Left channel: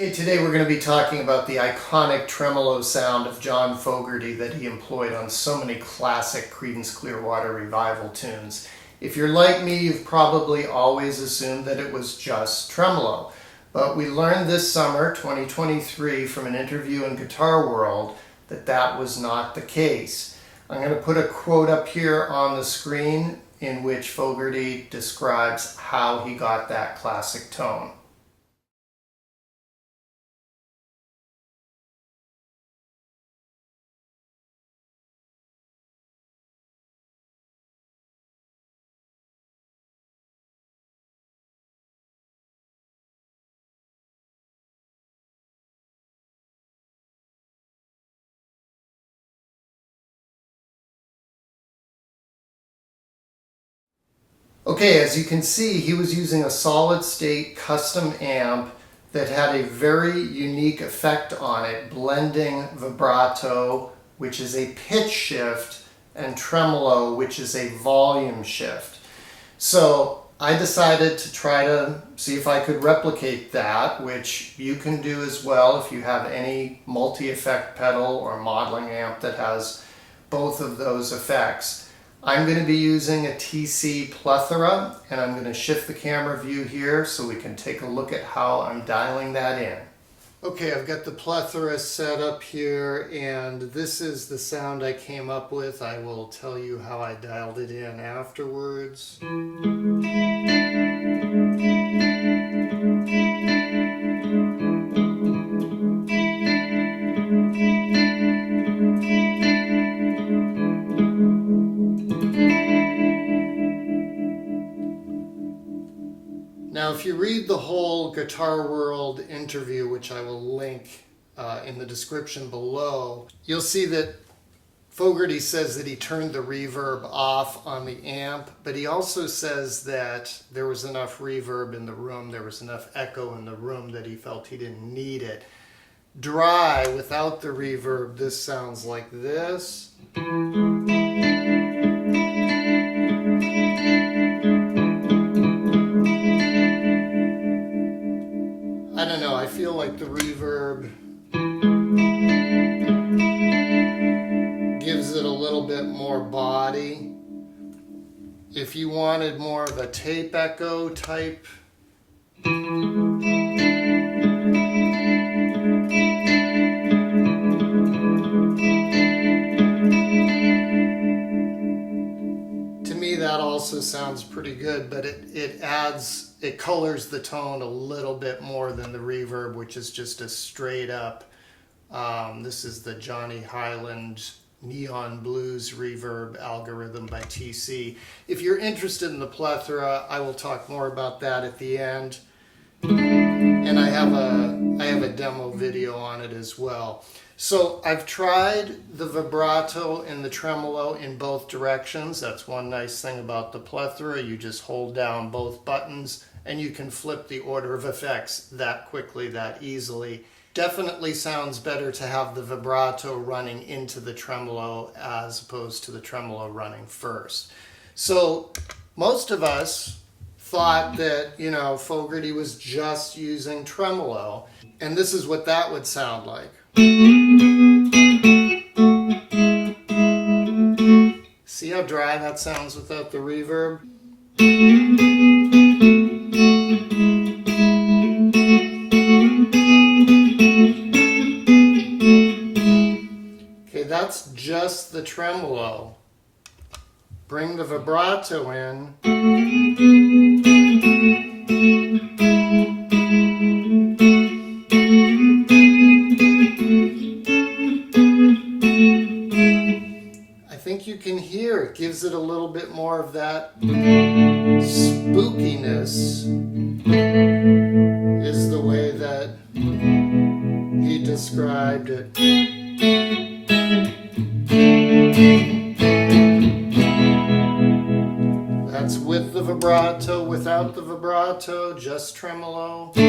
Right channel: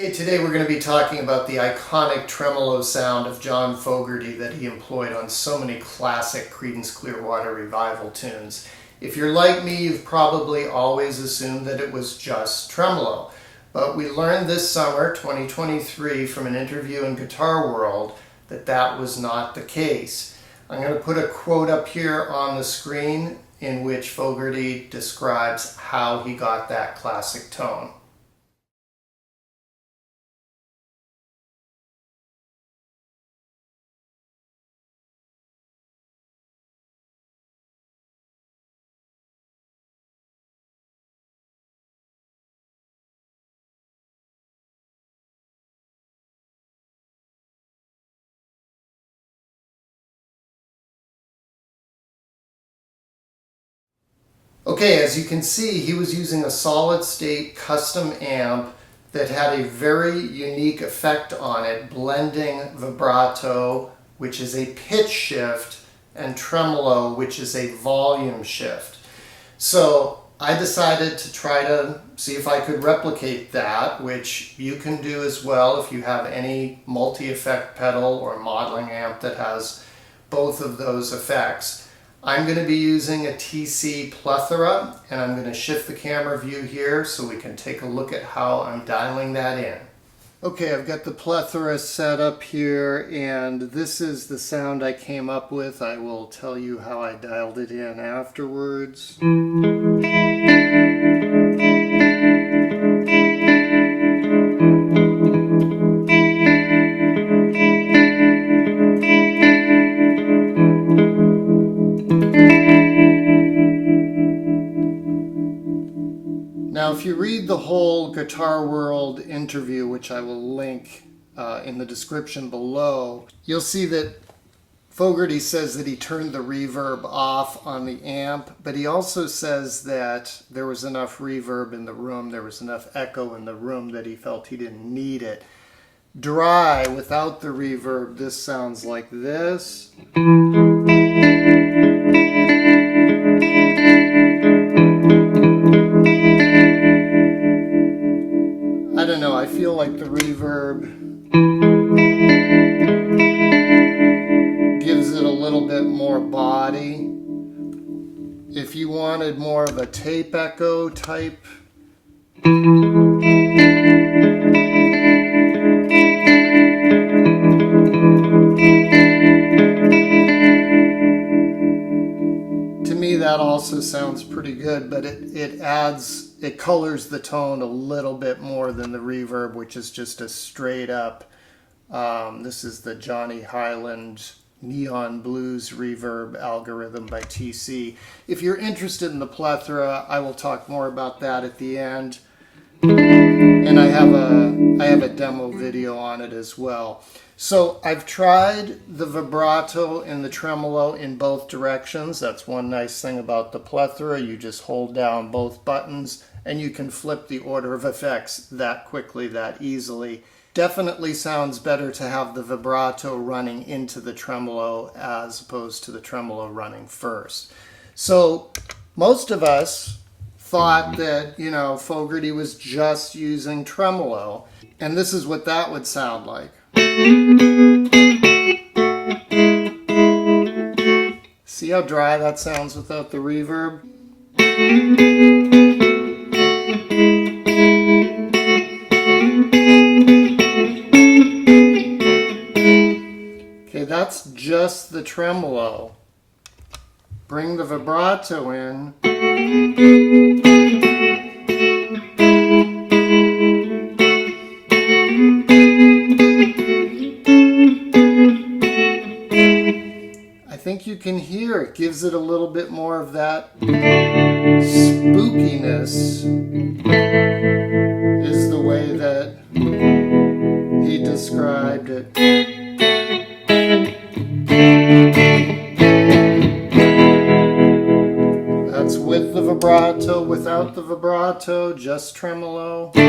Okay, today we're going to be talking about the iconic tremolo sound of John Fogerty that he employed on so many classic Creedence Clearwater Revival tunes. If you're like me, you've probably always assumed that it was just tremolo. But we learned this summer, 2023, from an interview in Guitar World that that was not the case. I'm going to put a quote up here on the screen in which Fogerty describes how he got that classic tone. Okay, as you can see, he was using a solid-state custom amp that had a very unique effect on it, blending vibrato, which is a pitch shift, and tremolo, which is a volume shift. So I decided to try to see if I could replicate that, which you can do as well if you have any multi-effect pedal or modeling amp that has both of those effects. I'm going to be using a TC Plethora, and I'm going to shift the camera view here so we can take a look at how I'm dialing that in. Okay, I've got the Plethora set up here, and this is the sound I came up with. I will tell you how I dialed it in afterwards. Now, if you read the whole Guitar World interview, which I will link in the description below, you'll see that Fogerty says that he turned the reverb off on the amp, but he also says that there was enough reverb in the room, there was enough echo in the room that he felt he didn't need it. Dry, without the reverb, this sounds like this. I don't know, I feel like the reverb gives it a little bit more body. If you wanted more of a tape echo type, to me that also sounds pretty good, but it colors the tone a little bit more than the reverb, which is just a straight up, this is the Johnny Highland Neon Blues Reverb algorithm by TC. If you're interested in the Plethora, I will talk more about that at the end. And I have a demo video on it as well. So I've tried the vibrato and the tremolo in both directions. That's one nice thing about the Plethora. You just hold down both buttons and you can flip the order of effects that quickly, that easily. Definitely sounds better to have the vibrato running into the tremolo as opposed to the tremolo running first. So most of us thought that, you know, Fogerty was just using tremolo, and this is what that would sound like. See how dry that sounds without the reverb? Okay, that's just the tremolo. Bring the vibrato in. I think you can hear it gives it a little bit more of that spookiness, is the way that he described it. That's with the vibrato, without the vibrato, just tremolo. You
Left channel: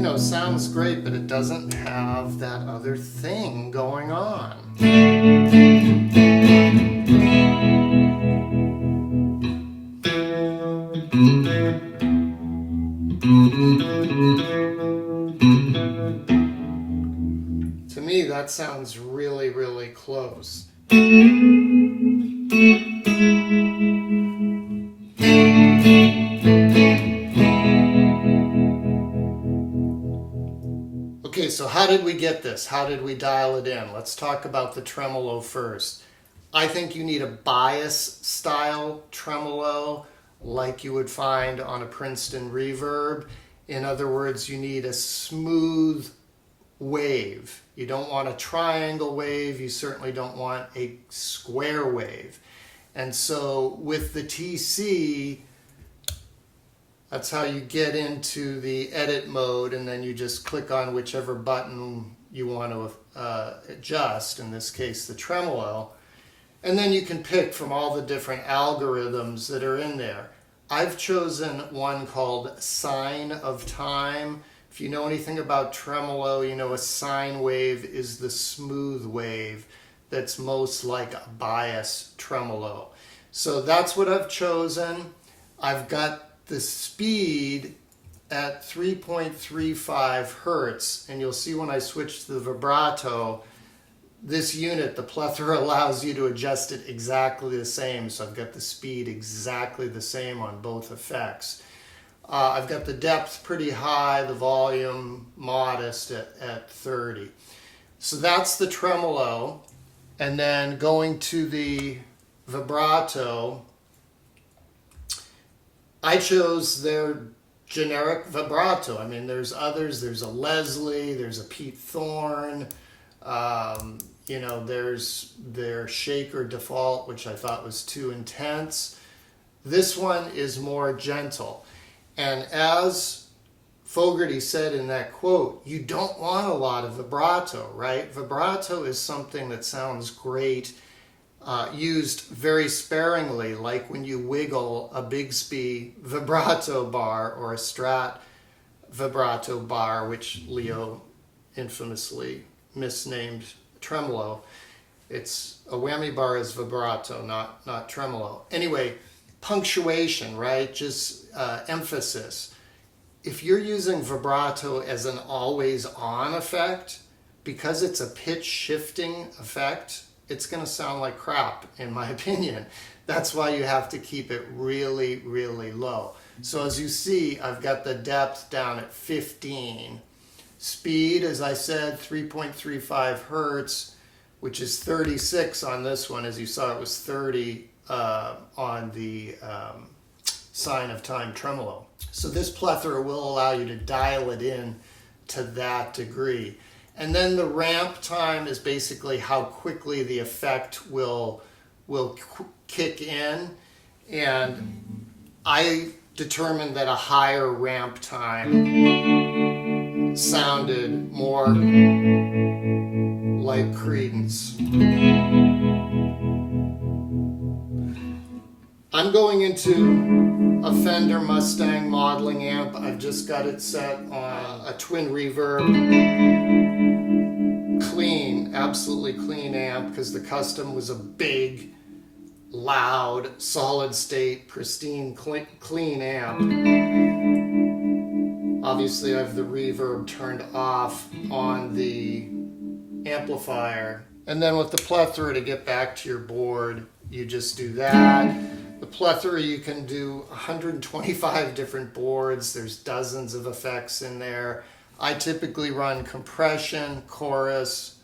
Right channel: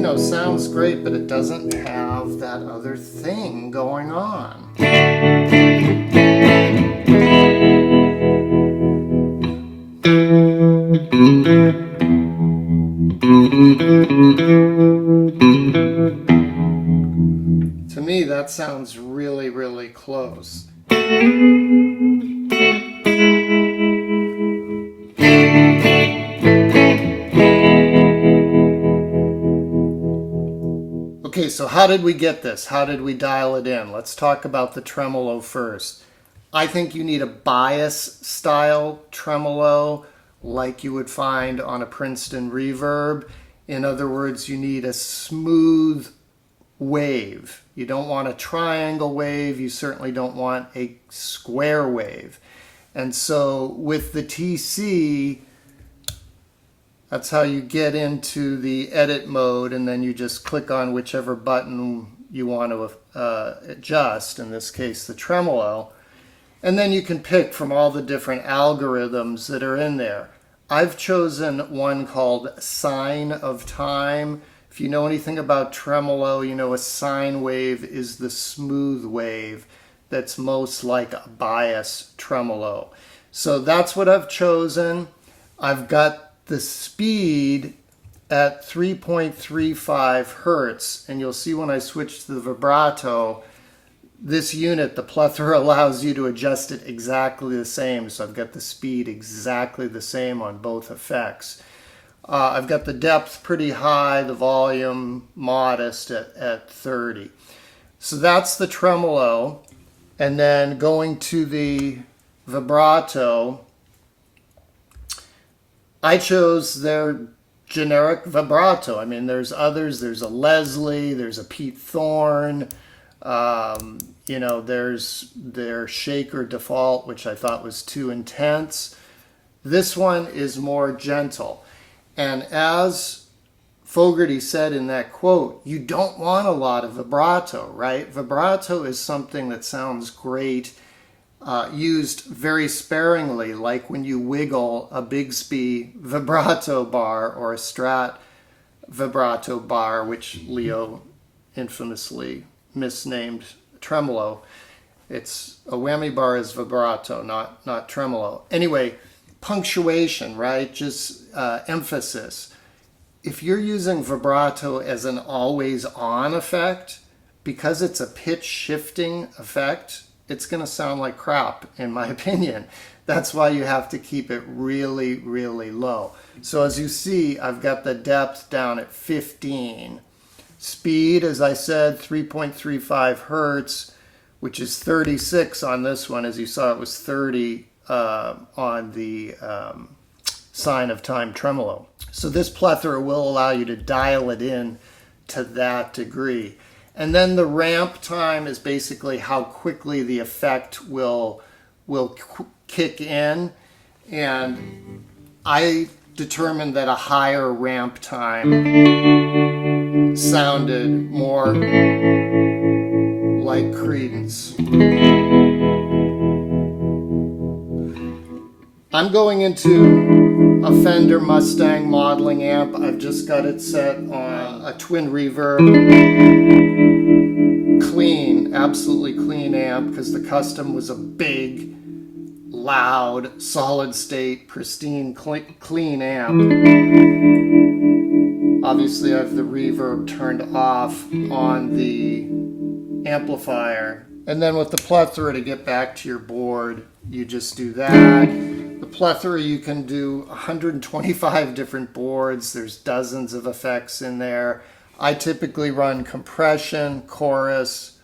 know, sounds great, but it doesn't have that other thing going on. To me, that sounds really, really close. Okay, so how did we get this? How did we dial it in? Let's talk about the tremolo first. I think you need a bias style tremolo like you would find on a Princeton reverb. In other words, you need a smooth wave. You don't want a triangle wave. You certainly don't want a square wave. And so with the TC, that's how you get into the edit mode, and then you just click on whichever button you want to adjust, in this case the tremolo, and then you can pick from all the different algorithms that are in there. I've chosen one called Sine of Time. If you know anything about tremolo, you know a sine wave is the smooth wave that's most like a bias tremolo. So that's what I've chosen. I've got the speed at 3.35 hertz, and you'll see when I switch to the vibrato, this unit, the Plethora, allows you to adjust it exactly the same. So I've got the speed exactly the same on both effects. I've got the depth pretty high, the volume modest at 30. So that's the tremolo. And then going to the vibrato, I chose their generic vibrato. I mean, there's others. There's a Leslie, there's a Pete Thorne, there's their Shaker Default, which I thought was too intense. This one is more gentle. And as Fogerty said in that quote, you don't want a lot of vibrato, right? Vibrato is something that sounds great, used very sparingly, like when you wiggle a Bigsby vibrato bar or a Strat vibrato bar, which Leo infamously misnamed tremolo. It's a whammy bar is vibrato, not tremolo. Anyway, punctuation, right? Just emphasis. If you're using vibrato as an always on effect, because it's a pitch shifting effect, it's going to sound like crap, in my opinion. That's why you have to keep it really, really low. So as you see, I've got the depth down at 15. Speed, as I said, 3.35 hertz, which is 36 on this one. As you saw, it was 30 on the Sine of Time tremolo. So this Plethora will allow you to dial it in to that degree. And then the ramp time is basically how quickly the effect will kick in. And I determined that a higher ramp time sounded more like Creedence. I'm going into a Fender Mustang modeling amp. I've just got it set on a twin reverb. Clean, absolutely clean amp, because the custom was a big, loud, solid state, pristine, clean amp. Obviously I have the reverb turned off on the amplifier. And then with the Plethora, to get back to your board, you just do that. The Plethora, you can do 125 different boards. There's dozens of effects in there. I typically run compression, chorus,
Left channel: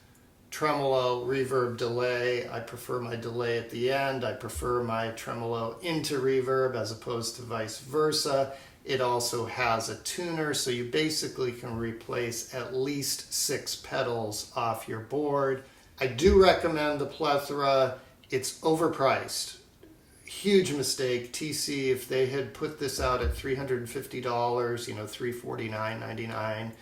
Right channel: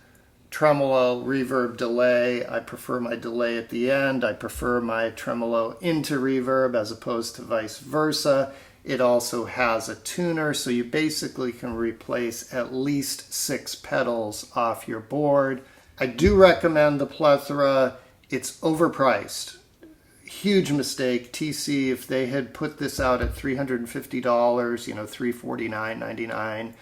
tremolo, reverb, delay. I prefer my delay at the end. I prefer my tremolo into reverb as opposed to vice versa. It also has a tuner, so you basically can replace at least 6 pedals off your board. I do recommend the Plethora. It's overpriced. Huge mistake. TC, if they had put this out at $350, $349.99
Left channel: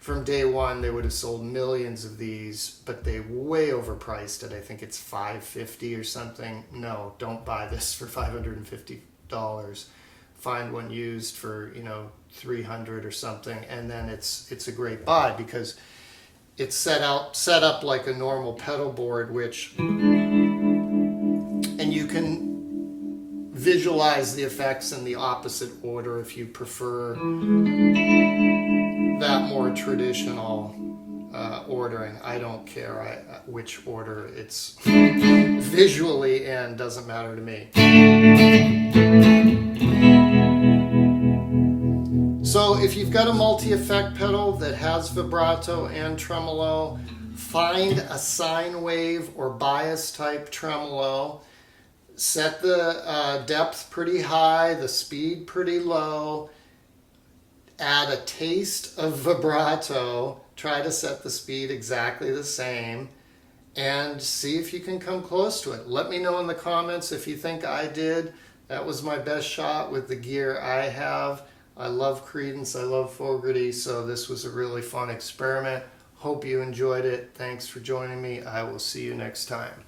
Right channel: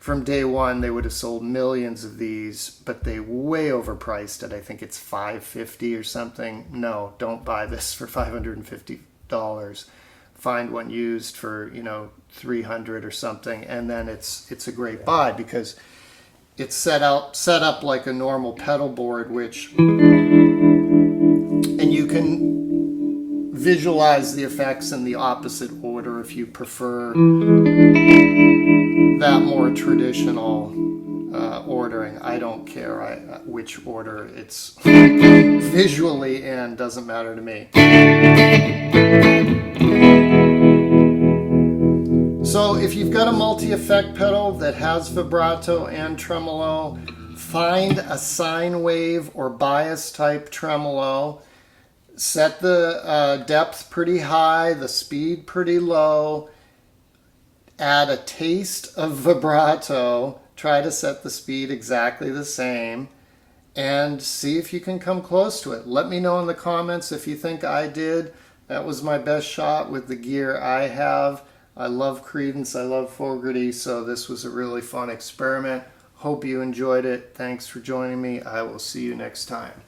from day one, they would have sold millions of these, but they way overpriced it. I think it's $550 or something. No, don't buy this for $550. Find one used for, $300 or something, and then it's a great buy because it's set up like a normal pedal board, and you can visualize the effects in the opposite order if you prefer that more traditional ordering. I don't care which order it's visually in, doesn't matter to me. So if you've got a multi-effect pedal that has vibrato and tremolo, find a sine wave or bias type tremolo. Set the depth pretty high, the speed pretty low. Add a taste of vibrato. Try to set the speed exactly the same. And see if you can come close to it. Let me know in the comments if you think I did. That was my best shot with the gear I have. I love Creedence, I love Fogerty, so this was a really fun experiment. Hope you enjoyed it. Thanks for joining me. I will see you next time.